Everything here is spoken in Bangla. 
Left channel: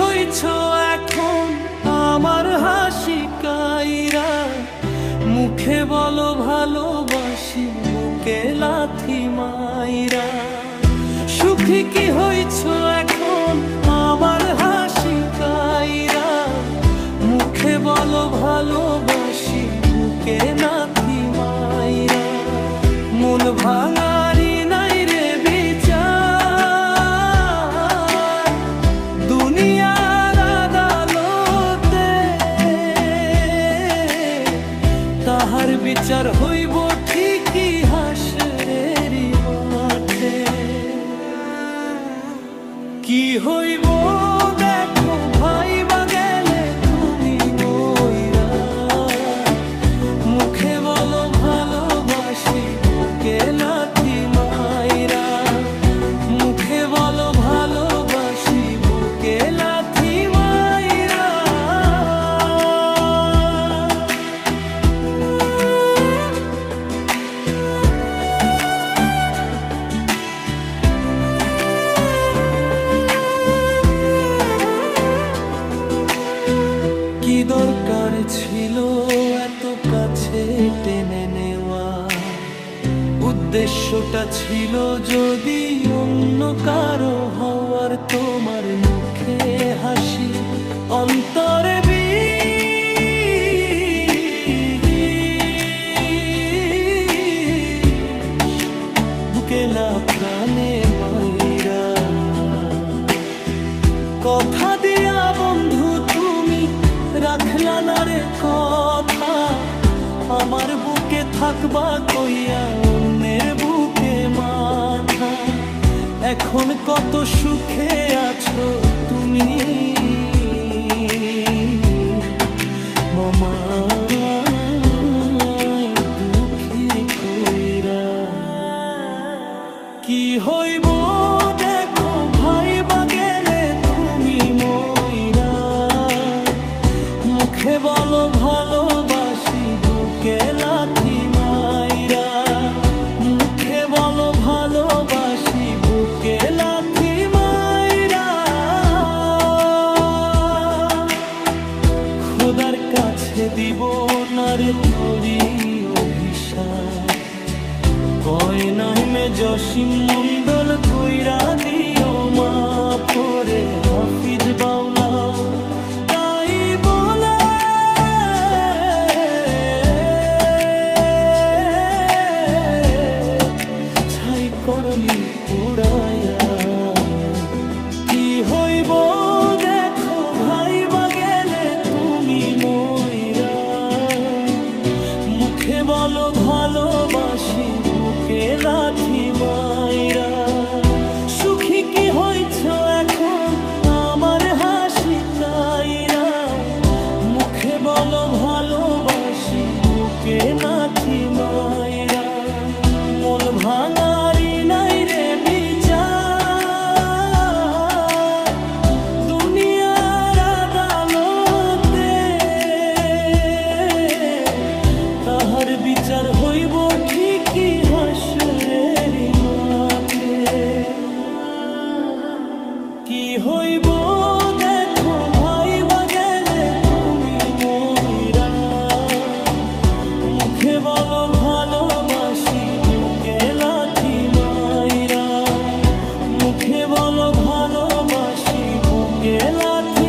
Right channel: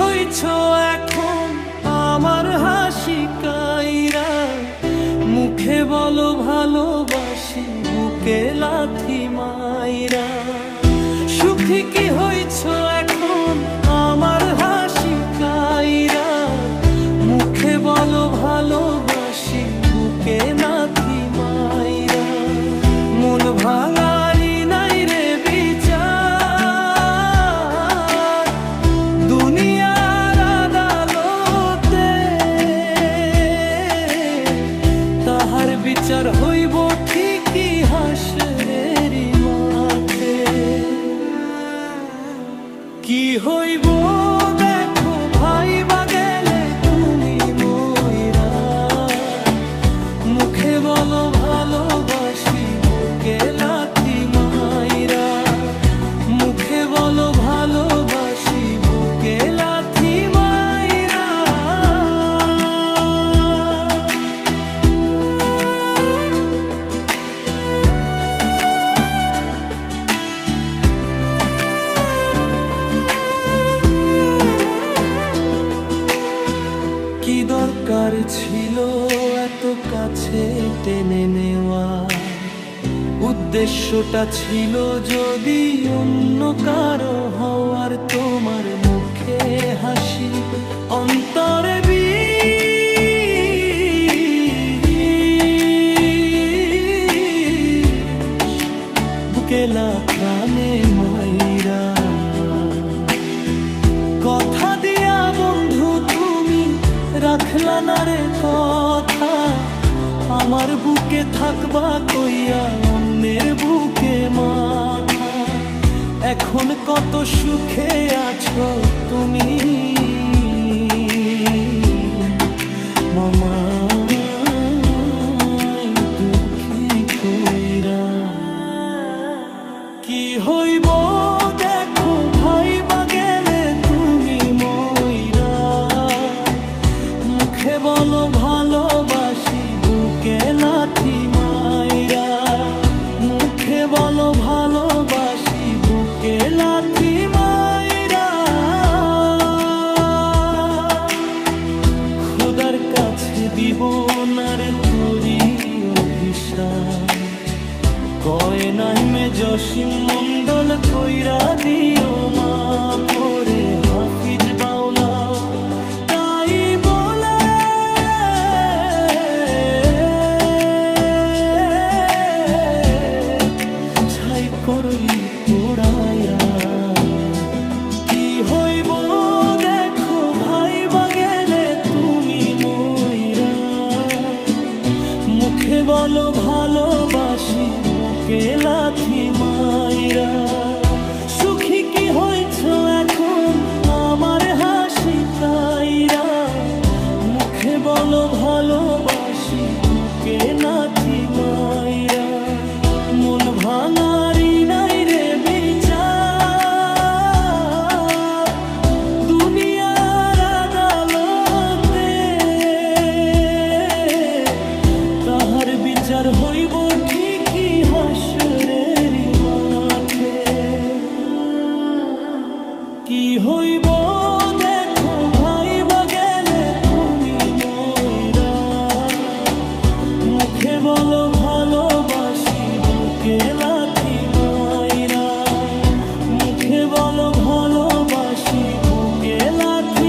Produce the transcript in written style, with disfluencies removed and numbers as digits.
হইছ এখন আমার হাসি কাইরা, মুখে বলো ভালোবাসি বুকে লাথি মাইরা। সুখী কি হইছ এখন আমার হাসি কাইরা, মুখে বলো ভালোবাসি বুকে লাথি মাইরা। মন ভাঙারি নাই রে বিচার দুনিয়ার আদালতে, তাহার বিচার হইব ঠিকই হাসরের মাঠে। কি হইব দেখো ভাইবা গেলে তুমি মইরা, মুখে বলো ভালোবাসি বুকে লাথি মাইরা। মুখে বলো ভালোবাসি বুকে লাথি মাইরা। কি দরকার ছিল এত কাছে টেনে নেওয়া, উদ্দেশ্যটা ছিল যদি অন্য কারো হওয়ার। তোমার মুখে হাসি অন্তরে বিষ, বুকেলা প্রাণে মাইরা। কথা দিয়া বন্ধু তুমি রাখলা না রে কথা, আমার বুকে থাকবা কইয়া অন্যের বুকে মাথা। এখন কত সুখে আছো তুমি মামা দুঃখী কইরা। কি হইব দেখো ভাইবা গেলে তুমি মইরা, মুখে বলো ভালোবাসি বুকে লাথি মাইরা। মুখে বলো ভালোবাসি বুকে লাথি মাইরা। খোদার কাছে দিব না রে তোরি অভিশাপ, কয় নাইমে জসিম মন্ডল কইরা দিও মা পরে হাফিজ বাউলাও। তাই বলে ছাই করলি পোড়াইয়া। কি হইব দেখো ভাইবা গেলে তুমি মইরা, মুখে বলো ভালোবাসি বুকে লাথি মাইরা। সুখী কি হইছ এখন আমার হাসি কাইরা, মুখে বলো ভালোবাসি বুকে লাথি মাইরা। মন ভাঙারি নাই রে বিচার দুনিয়ার আদালতে, তাহার বিচার হইব ঠিকই হাসরের মাঠে। কি হইব দেখো ভাইবা গেলে তুমি মইরা, মুখে বলো ভালোবাসি বুকে লাথি মাইরা। মুখে বলো ভালোবাসি বুকে লাথি